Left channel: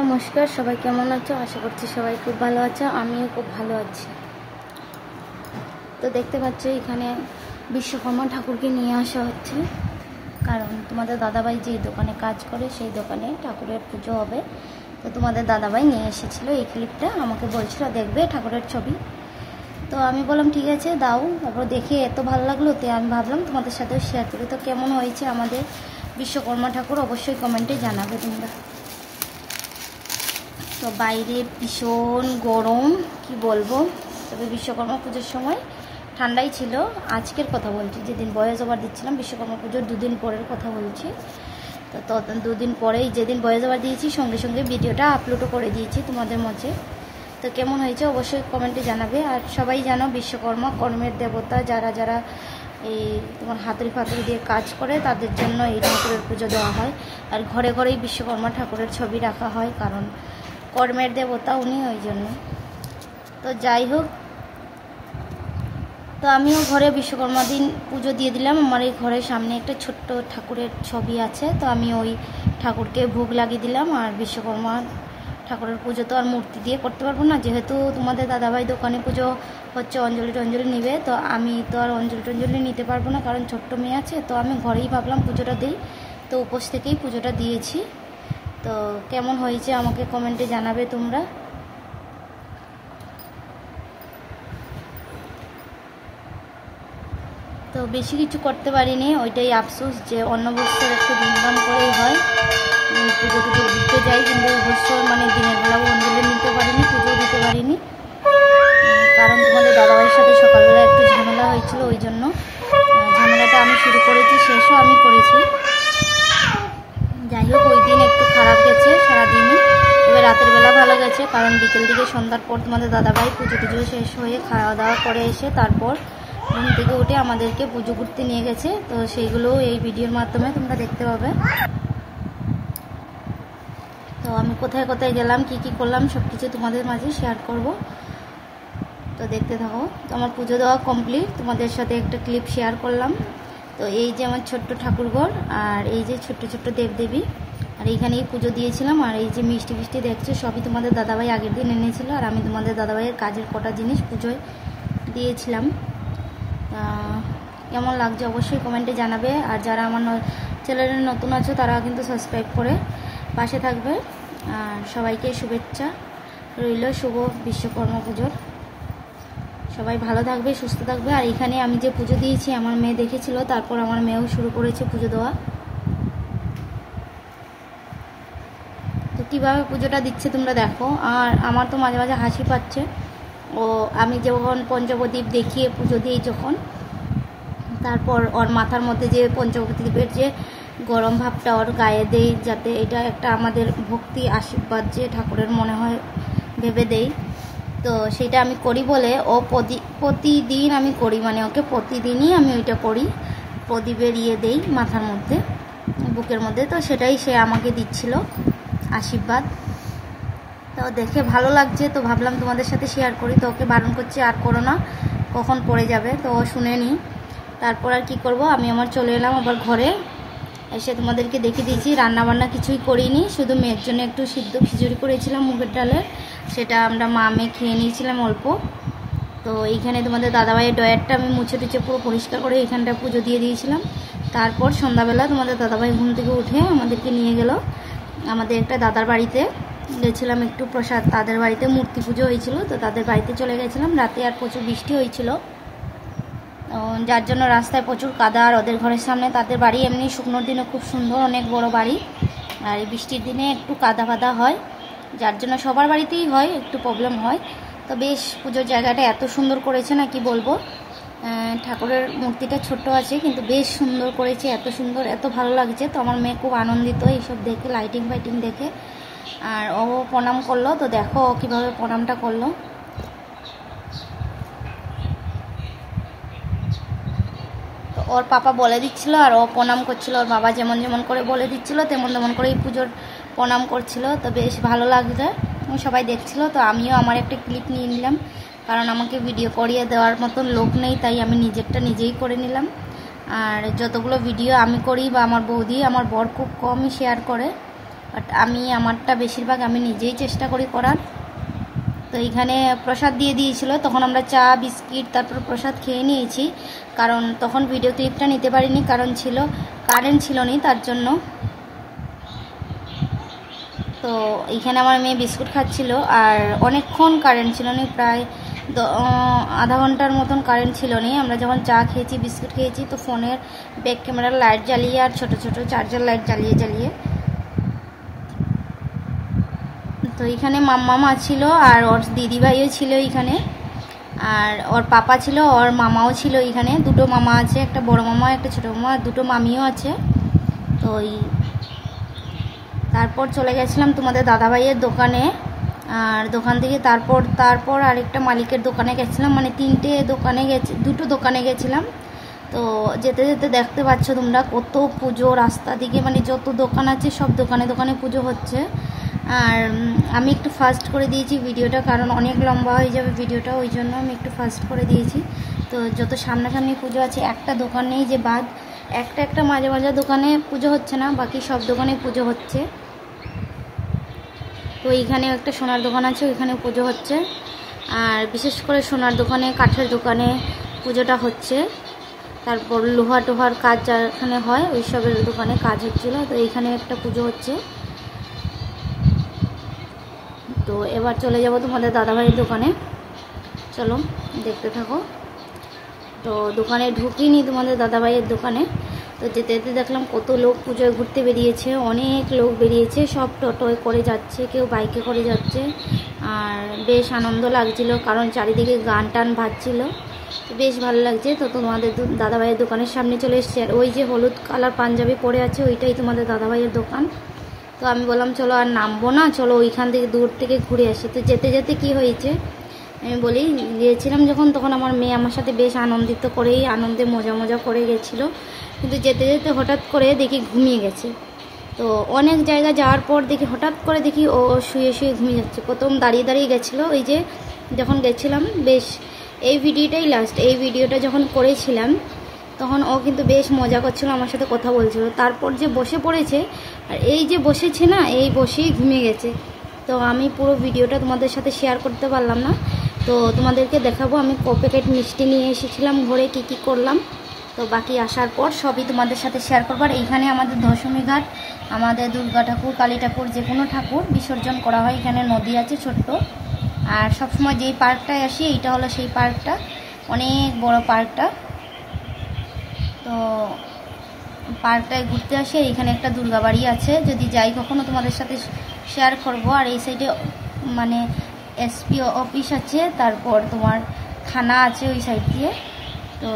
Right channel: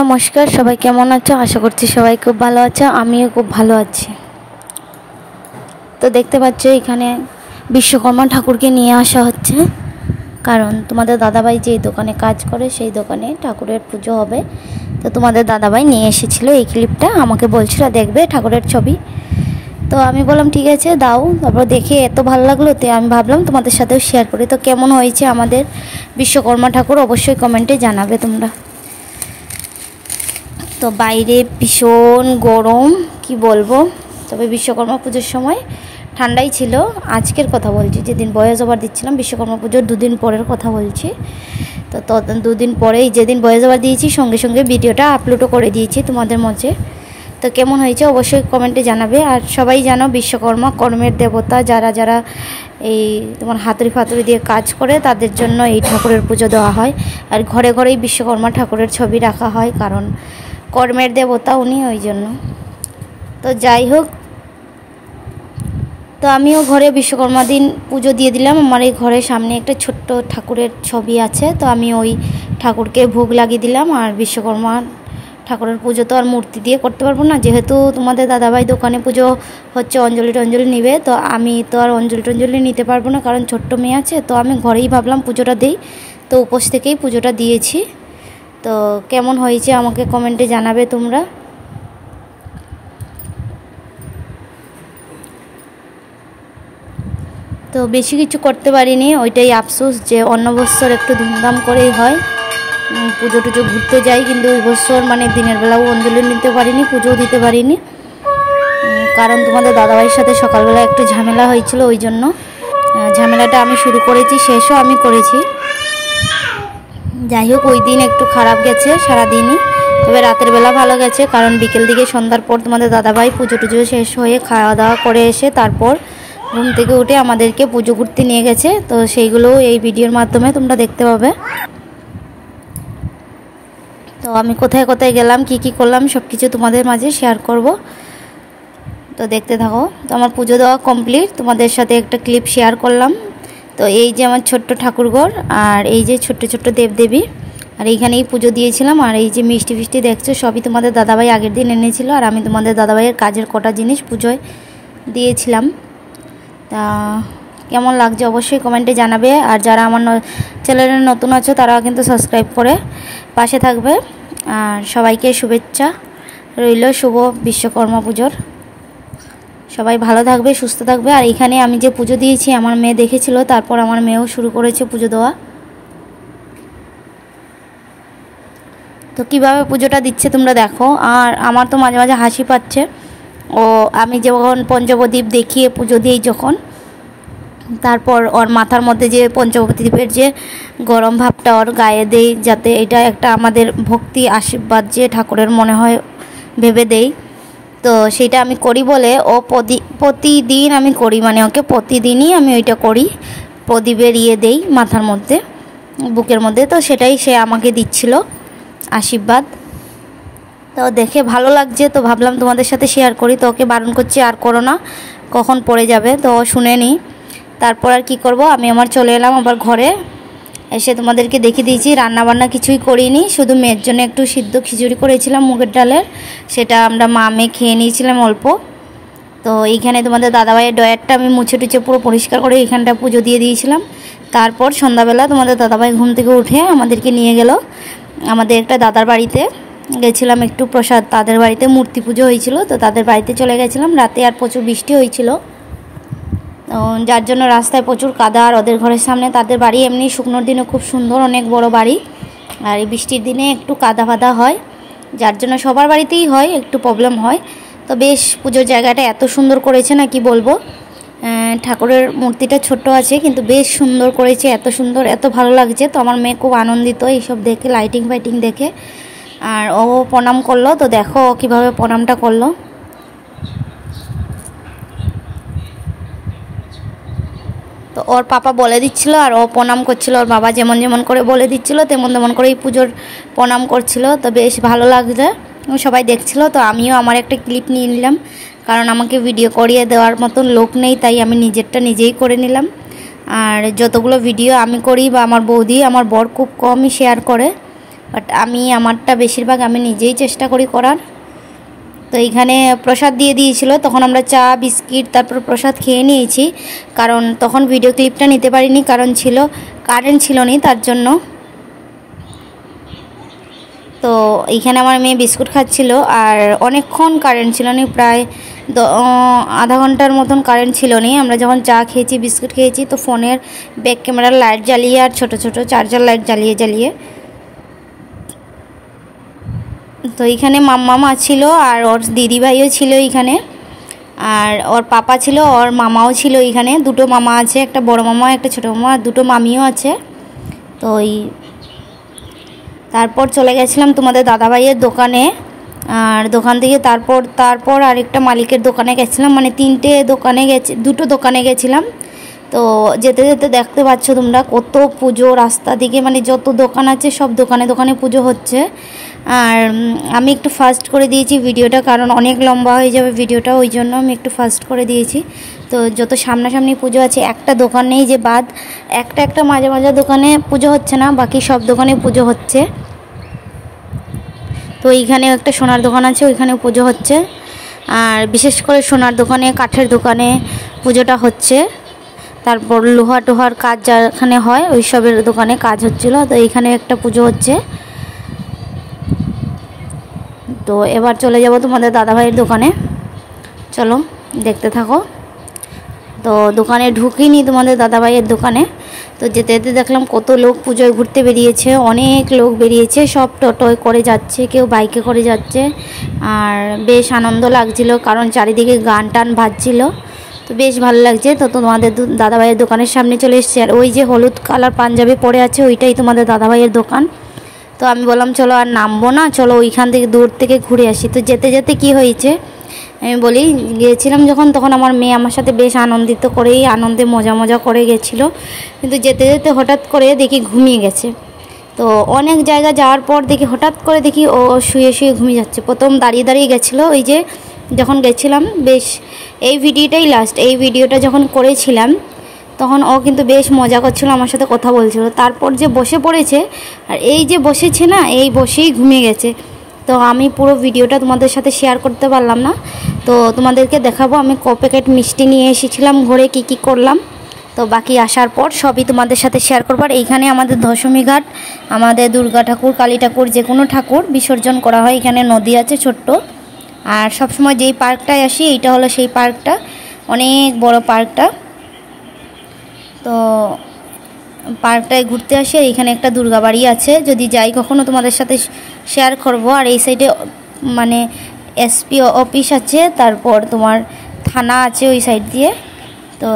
নমস্কার, সবাই কেমন আছো? আশা করছি সবাই খুব ভালো আছো। আমিও খুব ভালো আছি। তো দেখতে পাচ্ছ এখানে বিশ্বকর্মা ঠাকুরকে নিয়ে আসা হচ্ছে, কারণ তোমাদের দাদাভাই যে দোকানে কাজ করে সেই দোকানে ঠাকুরের পুজো হবে। তো তোমাদের দাদাভাই নিয়ে এসেছিলো এই ক্লিপটা, আমাকে বলছিল দেখবে ঠাকুরের ছবি। তো আমি বললাম ঠিক আছে দাও। তারপর দেখে এত ভালো লাগলো, তো আমি ভাবলাম তোমাদের সাথেও শেয়ার করি। তো কেমন হয়েছে আমাদের বিশ্বকর্মা ঠাকুর অবশ্যই কমেন্টে জানাবে তোমরা। তো বাইরে ভীষণ গরম, কি বলবো। তবে বিশ্বকর্মা পুজোর সময় ঠান্ডাই ছিল। আজকের কথা বলছি, যেদিন ভয়েস ওভার দিচ্ছিলাম বিশ্বকর্মা পুজোর দুদিন পরের কথা বলছি। তো দুদিন পরেই যেদিন ভয়েস ওভার দিয়েছি সঙ্গে সঙ্গে ভিডিওটা আপলোডও করে দিয়েছি তোমাদের মধ্যে। তো কেমন হয়েছে অবশ্যই কমেন্টে জানাবে। আর সবাই জানো বিশ্বকর্মা কর্মের দেবতা, যারা যারা এই তোমার হাতুড়ি ফাতুড়ি দিয়ে কাজ করে তাদের জন্য এই ঠাকুরের পুজো দেওয়া হয়। আর ঘরে ঘরেই বিশ্বকর্মা ঠাকুরের ছবি রাখা হয়, কারণ কর্মের দেবতা উনি, ওই জন্য। তো যাই হোক, তো আমিও ঘরে বিশ্বকর্মা দিন পুজো দিয়ে দিলাম। আমার এই ঘরের সামনে একটা ছোট্ট ঠাকুরের ছবি আছে, তো আমি ওই ঠাকুরকে ভোগ লাগিয়ে দিলাম। আর বিশ্বকর্মা ঠাকুরের পুজো তো আর মূর্তি দিয়ে করতে পারবো না, যেহেতু তোমাদের দাদাভাই দোকানে পুজো হচ্ছে, অঞ্জলি টঞ্জলি নিবে। তো আমি তো আর অঞ্জলি টঞ্জলি নিতে পারবো না, কারণ ছোট্ট মেয়ে আছে। তো আমি ঘরেই ভাবলাম পুজোটা দিই, তো উপোস থেকেই পুজোটা দিয়েছি। তো কেমন হয়েছে আমাকে কমেন্টে জানাবে তোমরা। তো বেশি কিছু করতে পারিনি, ওইটাই আফসোস যে অন্য বছর একটু ধুমধাম করেই হয়, পুজো টুজো ঘুরতে যাই, কিন্তু ওই বছর মানে দিনের বেলাও অঞ্জলি নিতে পারিনি, পুজোও দিতে পারিনি। কারণ তোমাদের দাদাভাইয়ের সাথে সকালবেলা একটু ঝামেলা হয়েছিল, ওই জন্য ঝামেলাটা আমি শুরু করেছি, শেষও আমি করেছি। যাই হোক, ওই দিন একটু খারাপ গেছে সারাদিনই, তবে রাতের বেলা ভালো গেছে, কারণ বিকেল দিকে সন্ধ্যার পর তোমাদের দাদাভাই পুজো টুজো শেষ হয়ে খাওয়া দাওয়া করে এসে তারপর ঘুম থেকে উঠে আমাদেরকে পুজো ঘুরতে নিয়ে গেছে। তো সেইগুলো এই ভিডিওর মাধ্যমে তোমরা দেখতে পাবে। তো আমি কোথায় কোথায় গেলাম, কি কি করলাম সব কিছু তোমাদের মাঝে শেয়ার করব, তো দেখতে থাকো। তো আমার পুজো দেওয়া কমপ্লিট, তোমাদের সাথে একটা ক্লিপ শেয়ার করলাম। তো এই যে আমার ছোট্ট ঠাকুরঘর, আর এই যে ছোট্ট ছোট্ট দেবদেবী, আর এইখানেই পুজো দিয়েছিলাম। আর এই যে মিষ্টি ফিষ্টি দেখছো সবই তোমাদের দাদাভাই আগের দিন এনেছিল, আর আমি তোমাদের দাদাভাইয়ের কাজের কটা জিনিস পুজোয় দিয়েছিলাম। তা কেমন লাগছে অবশ্যই কমেন্টে জানাবে। আর যারা আমার চ্যানেলে নতুন আছো তারাও কিন্তু সাবস্ক্রাইব করে পাশে থাকবে। আর সবাইকে শুভেচ্ছা রইল শুভ বিশ্বকর্মা পুজোর। সবাই ভালো থাকবে, সুস্থ থাকবে। আর এখানে আমি যে পুজো দিয়েছি আমার মেয়ে দেখেছিল, তারপর আমার মেয়েও শুরু করেছে পুজো দেওয়া। তো কিভাবে পুজোটা দিচ্ছে তোমরা দেখো। আর আমার তো মাঝে মাঝে হাসি পাচ্ছে, ও আমি যখন পঞ্চপ্রদীপ দেখিয়ে পুজো দিই যখন, তারপর ওর মাথার মধ্যে যে পঞ্চপ্রদীপের যে গরম ভাবটা ওর গায়ে দেই, যাতে এটা একটা আমাদের ভক্তি আশীর্বাদ যে ঠাকুরের মনে হয় ভেবে দেই। তো সেটা আমি করি বলে ও প্রতিদিন আমি করি, মানে ওকে প্রতিদিনই আমি ওইটা করি, প্রদীপের দেই মাথার মধ্যে, বুকের মধ্যে। তো সেটাই সে আমাকে দিচ্ছিল আশীর্বাদ। তো দেখে ভালো লাগছে, তো ভাবলাম তোমাদের সাথে শেয়ার করি। তো ওকে বারণ করছি আর করো না, কখন পড়ে যাবে। তো শুনে নি, তারপর আর কি করব, আমি আমার চলে এলাম আবার ঘরে। এসে তোমাদেরকে দেখিয়ে দিয়েছি রান্নাবান্না কিছুই করিনি, শুধু মেয়ের জন্য একটু সিদ্ধ খিচুড়ি করেছিলাম মুগের ডালের, সেটা আমরা মা মেয়ে খেয়ে নিয়েছিলাম অল্প। তো এইখানে তোমাদের দাদাভাইয়ের ডয়ারটা আমি মুছে টুছে পুরো পরিষ্কার করে এইখানটা পুজো দিয়ে দিয়েছিলাম। তারপর সন্ধ্যাবেলা তোমাদের দাদাভাই ঘুম থেকে উঠে আমাদেরকে নিয়ে গেল আমাদের একটা দাদার বাড়িতে গেছিলাম একটু প্রসাদ, তাদের বাড়িতে মূর্তি পুজো হয়েছিল, তো তাদের বাড়িতে চলে গেছিলাম রাতে। আর প্রচুর বৃষ্টি হয়েছিল, যার জন্য রাস্তায় প্রচুর কাদা। আর ওদের ঘরের সামনে, তাদের বাড়ি এমনি শুকনোর দিনে খুব সুন্দর, অনেক বড় বাড়ি, আর এই বৃষ্টির দিনে একটু কাদা ফাদা হয়, যার জন্য সবার বাড়িতেই হয়, একটু প্রবলেম হয়। তো বেশ পুজোর জায়গাটা এত সুন্দর করেছে না কি বলবো। ঠাকুরের মূর্তিটা ছোট আছে কিন্তু বেশ সুন্দর করেছে, এত সুন্দর, এত ভালো লাগছে। তো আমার মেয়ে খুব আনন্দিত এইসব দেখে, লাইটিং ফাইটিং দেখে। আর ও প্রণাম করলো, তো দেখো কিভাবে প্রণামটা করলো। তো ওর পাপা বলে দিচ্ছিল আর ও প্রণাম করছিল, ওর বাবা যেমন যেমন করে বলে দিচ্ছিল তেমন তেমন করে এই পুজোর প্রণাম করছিল। তো বেশ ভালো লাগছে, সবাই দেখছিল। তো আমিও আমার একটা ক্লিপ নিয়ে নিলাম, কারণ আমাকে ভিডিও করিয়ে দেওয়ার মতন লোক নেই, তাই আমি নিজেরটা নিজেই করে নিলাম। আর যতগুলো ভিডিও আমি করি বা আমার বৌদি, আমার বর খুব কমই শেয়ার করে, বাট আমি আমারটা বেশিরভাগ আমি নিজেই চেষ্টা করি করার। তো এইখানে প্রসাদ দিয়ে দিয়েছিল, তখন আমরা চা বিস্কিট তারপর প্রসাদ খেয়ে নিয়েছি, কারণ তখন ভিডিও ক্লিপটা নিতে পারিনি, কারণ কারেন্ট ছিল না তার জন্য। তো এইখানে আমার মেয়ে বিস্কুট খাচ্ছিল, আর অনেকক্ষণ কারেন্ট ছিল না, প্রায় আধা ঘন্টার মতন কারেন্ট ছিল না। আমরা যখন চা খেয়েছি বিস্কুট খেয়েছি, তো ফোনের ব্যাক ক্যামেরার লাইট জ্বালিয়ে আর ছোট ছোট চার্জার লাইট জ্বালিয়ে তো এইখানে মাম্মা ছিল, আর ওর দিদিভাইও ছিল এইখানে, আর ওর পাপা ছিল, ওর মামাও ছিল এইখানে। দুটো মামা আছে, একটা বড় মামা একটা ছোটো মামা, আর দুটো মামিও আছে। তো তারপর চলে গেছিলাম তোমাদের দাদাভাইয়ের দোকানে, আর দোকান থেকে তারপর আরেকটা মালিকের দোকানে গেছিলাম, মানে দুটো দোকানে গেছিলাম। তো যেতে যেতে দেখতে পাচ্ছ তোমরা কত পুজো রাস্তা দিকে, মানে যত দোকান আছে সব দোকানে দোকানে পুজো হচ্ছে। আর আমি একটু ফাস্ট করে দিয়েছি ভিডিওটা, কারণ অনেক লম্বা হয়ে যাবে ভিডিওটা, ওই জন্য আমি একটু ফাস্ট করে দিয়েছি। তো যত সামনাসামনি পুজো আছে, একটা দোকান নেই যে বাদ, একটা মাঝে মাঝে দোকানে পুজো হচ্ছে না, বাকি সব দোকানে পুজো হচ্ছে। তো এইখানে একটা সোনার দোকান আছে, ওইখানে পুজো হচ্ছে, আর বিশেষ করে সোনার দোকানে কাঠের দোকানে পুজোটা হচ্ছে। তারপর লোহা টোহার কাজ যেখানে হয় ওই সবের দোকানে কাজ হচ্ছিল। তো এইখানে একটা পুজো হচ্ছে। তো এবার চলে যাব তোমাদের দাদাভাইয়ের দোকানে, চলো দেখতে থাকো। তো দোকানে ঢুকিনি তোমাদের দাদাভাইয়ের দোকানে। তো যেতে যেতে দেখলাম কত লোক পুজোয় ঘুরতে বেরিয়েছে, অনেক লোক বেরিয়েছে, সব টোটোয় করে যাচ্ছে, কেউ বাইকে করে যাচ্ছে। আর বেশ আনন্দ লাগছিল, কারণ চারিদিকে গান টান বাজছিল, তো বেশ ভালো লাগছে। তো তোমাদের দাদাভাইয়ের দোকানের সামনে চলে এসেছি, আর ওই যে হলুদ কালার পাঞ্জাবি পরে আছে ওইটাই তোমাদের দাদাভাইয়ের দোকান। তো আমি বললাম চলো আর নামবো না, চলো ওইখান থেকে দূর থেকে ঘুরে আসি। তো যেতে যেতে কি হয়েছে আমি বলি, গিয়েছিলাম যখন, তখন আমার মেয়ে আমার সাথে বেশ আনন্দে মজা করে গেছিলো, কিন্তু যেতে যেতে হঠাৎ করে দেখি ঘুমিয়ে গেছে। তো অনেক জায়গা যাওয়ার পর দেখি হঠাৎ করে দেখি ও শুয়ে ঘুমিয়ে যাচ্ছে। প্রথম দাঁড়িয়ে গেছিলো, ওই যে যখন গেছিলাম বেশ, এই ভিডিওটাই লাস্ট, এই ভিডিওটা যখন করেছিলাম তখন ও কিন্তু বেশ মজা করছিল, আমার সাথে কথা বলছিল। তারপর যে বসে পড়েছে, আর এই যে বসেছে না, এই বসেই ঘুমিয়ে গেছে। তো আমি পুরো ভিডিওটা তোমাদের সাথে শেয়ার করতে পারলাম না, তো তোমাদেরকে দেখাবো আমি ক প্যাকেট মিষ্টি নিয়ে এসেছিলাম ঘরে, কি করলাম। তো বাকি আসার পর সবই তোমাদের সাথে শেয়ার করবো। আর এইখানে আমাদের দশমী ঘাট, আমাদের দুর্গা ঠাকুর, কালী ঠাকুর, যে কোনো ঠাকুর বিসর্জন করা হয়। এখানে নদী আছে ছোট্ট, আর সবসময় যেই পার্কটায় আসি এইটা হলো সেই পার্কটা, অনেক বড় পার্কটা। তো পার্কটায় ঘুরতে আসি, আর এখানে একটা দুর্গা বাড়ি আছে, যদি যাই কখনো তোমাদের সাথে শেয়ার করবো। আর এই সাইডে মানে এসপি অফিস আছে, তারপর তোমার থানা আছে ওই সাইড দিয়ে। তো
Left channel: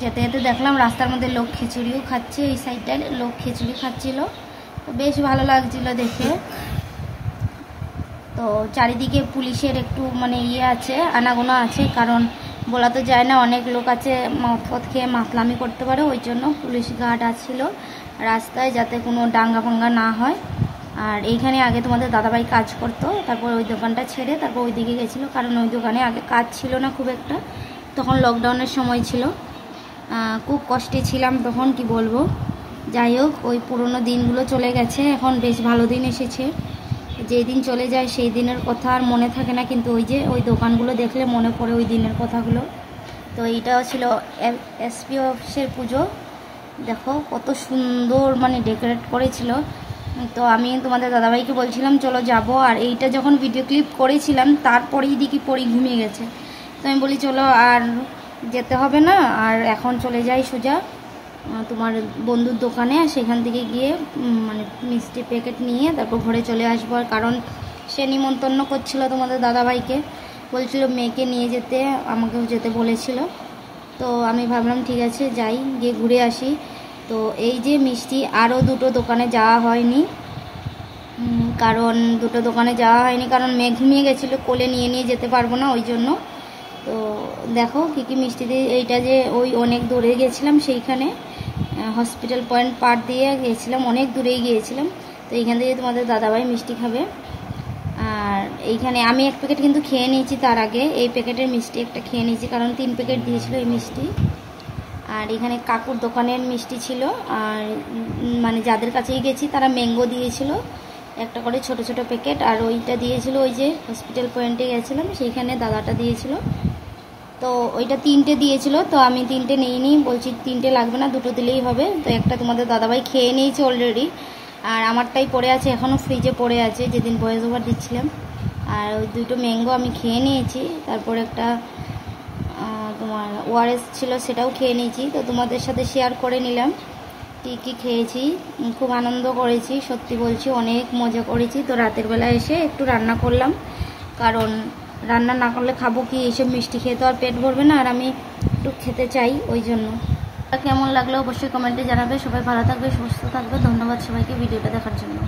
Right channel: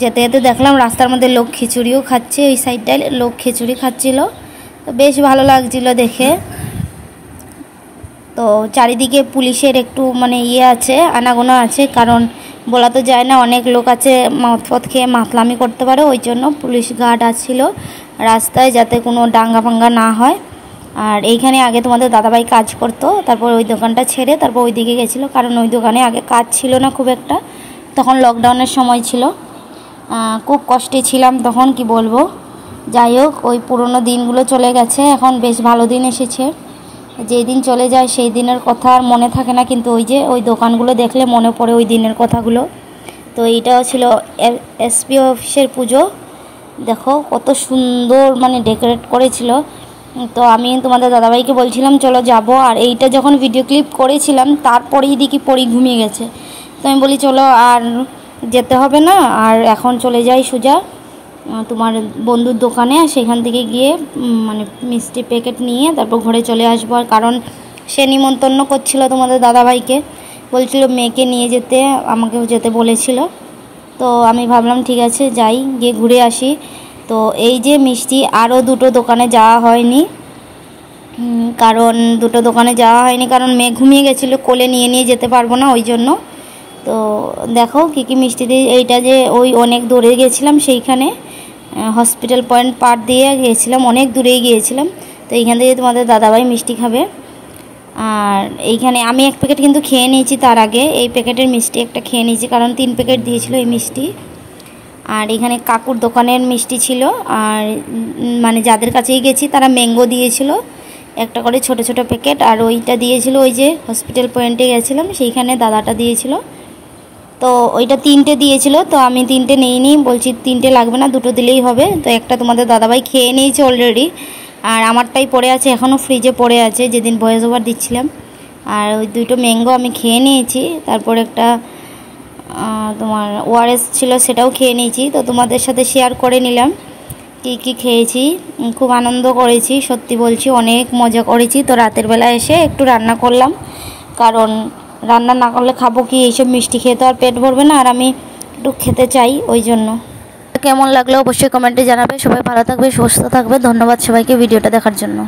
যেতে যেতে দেখলাম রাস্তার মধ্যে লোক খিচুড়িও খাচ্ছে, ওই সাইডটায় লোক খিচুড়ি খাচ্ছিল, তো বেশ ভালো লাগছিল দেখে। তো চারিদিকে পুলিশের একটু মানে আছে, আনাগোনা আছে, কারণ বলা তো যায় না, অনেক লোক আছে মদ খেয়ে মাতলামি করতে পারে, ওই জন্য পুলিশ গার্ড আসছিল রাস্তায়, যাতে কোনো দাঙ্গা ফাঙ্গা না হয়। আর এইখানে আগে তোমাদের দাদাভাই কাজ করতো, তারপর ওই দোকানটা ছেড়ে তারপর ওই দিকে গেছিলো, কারণ ওই দোকানে আগে কাজ ছিল না খুব একটা, তখন লকডাউনের সময় ছিল, খুব কষ্টে ছিলাম তখন, কি বলবো। যাই হোক, ওই পুরনো দিনগুলো চলে গেছে, এখন বেশ ভালো দিন এসেছে। যেই দিন চলে যায় সেই দিনের কথা আর মনে থাকে না, কিন্তু ওই যে ওই দোকানগুলো দেখলে মনে পড়ে ওই দিনের কথাগুলো। তো এইটাও ছিল এসপি অফিসের পুজো, দেখো কত সুন্দর মানে ডেকোরেট করেছিল। তো আমি তোমাদের দাদাভাইকে বলছিলাম চলো যাব, আর এইটা যখন ভিডিও ক্লিপ করেছিলাম তারপরেই দেখি পরি ঘুমিয়ে গেছে। তো আমি বলি চলো আর যেতে হবে না, আর এখন চলে যাই সোজা তোমার বন্ধুর দোকানে, সেখান থেকে গিয়ে মানে মিষ্টি প্যাকেট নিয়ে তারপর ঘরে চলে আসবো। আর কারণ সে নিমন্ত্রণ করছিল তোমাদের দাদাভাইকে, বলছিল মেয়েকে নিয়ে যেতে, আমাকেও যেতে বলেছিল। তো আমি ভাবলাম ঠিক আছে যাই, গিয়ে ঘুরে আসি। তো এই যে মিষ্টি, আরও দুটো দোকানে যাওয়া হয়নি, কারণ মেয়ে ঘুমিয়ে গেছিলো, কোলে নিয়ে যেতে পারবো না ওই জন্য। তো দেখো কী মিষ্টি দিয়ে, এইটা যে ওই অনেক দূরে গেছিলাম, সেইখানে হসপিটাল পয়েন্ট পার দিয়ে গিয়েছিলাম, অনেক দূরেই গিয়েছিলাম। তো এইখান থেকে তোমাদের দাদাভাই মিষ্টি খাবে। আর এইখানে আমি এক প্যাকেট কিন্তু খেয়ে নিয়েছি, তার আগে এই প্যাকেটের মিষ্টি একটা খেয়ে নিয়েছি, কারণ 3 প্যাকেট দিয়েছিল এই মিষ্টি। আর এখানে কাকুর দোকানের মিষ্টি ছিল, আর মানে যাদের কাছেই গেছি তারা ম্যাঙ্গো দিয়েছিল, একটা করে ছোট ছোট প্যাকেট। আর ওইটা দিয়েছিল ওই যে হসপিটাল পয়েন্টে গেছিলাম সেইখানে দাদাটা দিয়েছিল, তো ওইটা 3টে দিয়েছিল। তো আমি 3টে নিইনি, বলছি 3টে লাগবে না, 2টো দিলেই হবে। তো একটা তোমাদের দাদাভাই খেয়ে নিয়েছে অলরেডি, আর আমারটাই পড়ে আছে এখনও ফ্রিজে পড়ে আছে যেদিন ভয়েস ওভার দিচ্ছিলাম। আর ওই 2টো ম্যাঙ্গো আমি খেয়ে নিয়েছি, তারপর একটা তোমার ওআরএস ছিল সেটাও খেয়ে নিয়েছি। তো তোমাদের সাথে শেয়ার করে নিলাম কী খেয়েছি। খুব আনন্দ করেছি, সত্যি বলছি অনেক মজা করেছি। তো রাতের বেলা এসে একটু রান্না করলাম, কারণ রান্না না করলে খাবো কি, এইসব মিষ্টি খেয়ে তো আর পেট ভরবে না, আর আমি একটু খেতে চাই ওই জন্য। কেমন লাগলো অবশ্যই কমেন্টে জানাবে। সবাই ভালো থাকবে, সুস্থ থাকবে। ধন্যবাদ সবাইকে ভিডিওটা দেখার জন্য।